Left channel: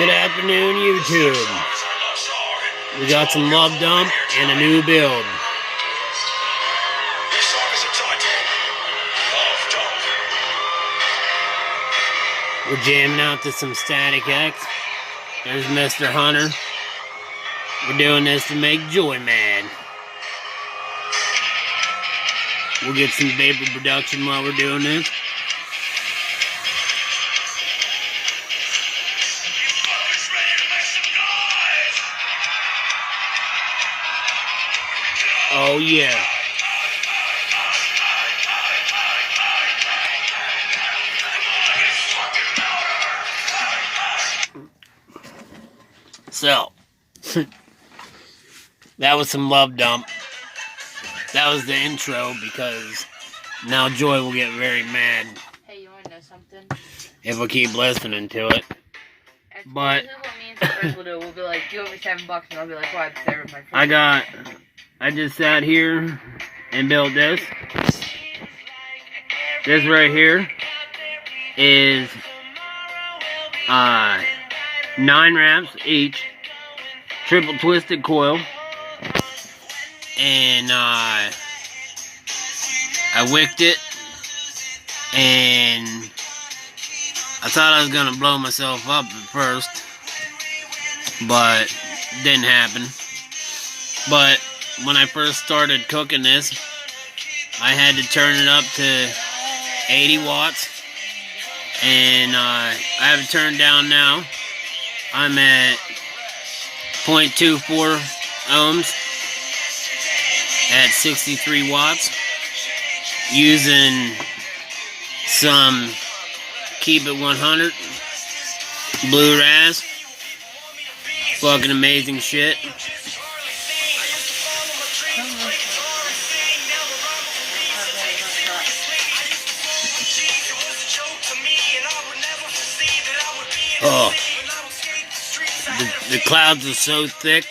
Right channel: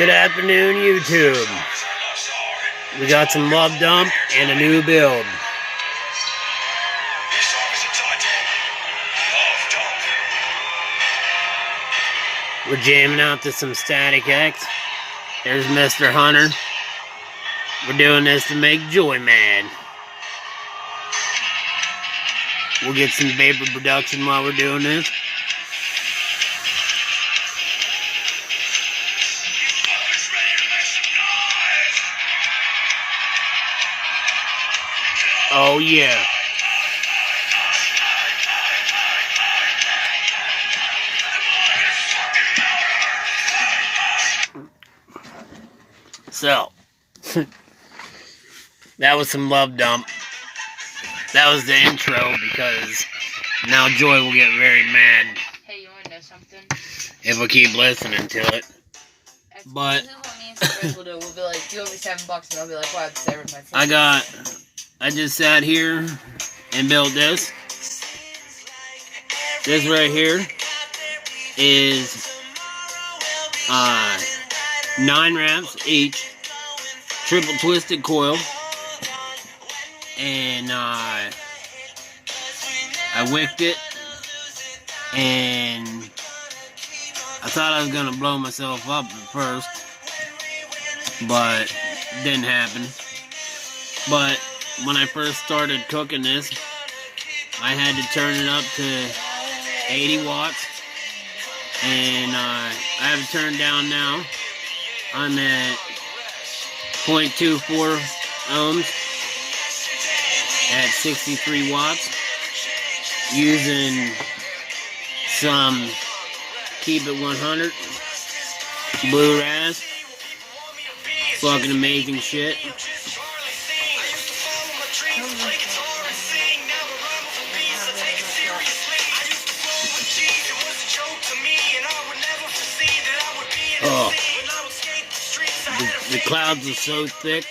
Good afternoon, YouTube. We got some love dump and a new build. We're jamming out to some Static X. There's Mr. Hunter. We're doing this to make Joy mad. We'll get some vapor production while we're doing this. Oh yeah. So, that was some love dump. That was the intro because now Joy will get very mad. Hey, you wanna know something? If we keep listening to it. But this is what me and Chris will do. We'll be like, "You owe me $7," and I'll be like, "Well, I'm there with my friend." I just sat here and built this. This right here is 9 wraps each, triple twisted coil, and I wicked it, and I thought I was gonna blow myself up at first, but didn't happen. But when I first started cooking this, I had to turn it up to 80 watts, and I have it turned down now. I'm at 0.24 ohms at 63 watts, using some Keep It 100 Blue Raz. Fucking amazing shit. Oh, the clouds are so thick.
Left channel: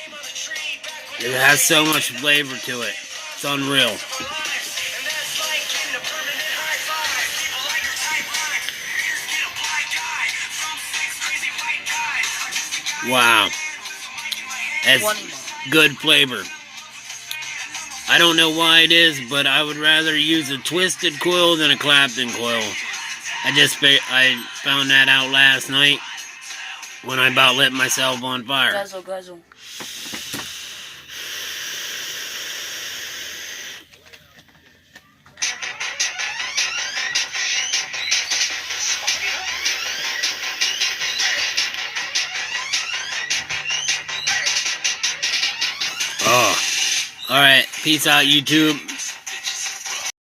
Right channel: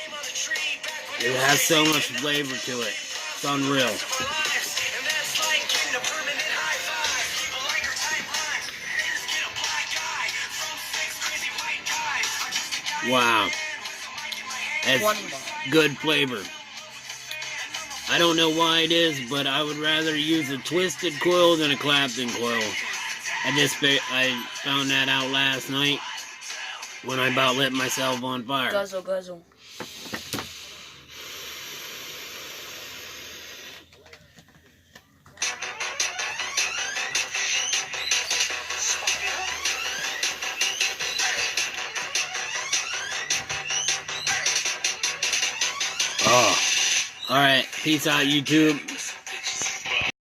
It has so much flavor to it. It's unreal. Wow. That's good flavor. I don't know why it is, but I would rather use a twisted coil than a Clapton coil. I found that out last night when I about lit myself on fire. Guzzle, guzzle. Oh. Alright, peace out, YouTube.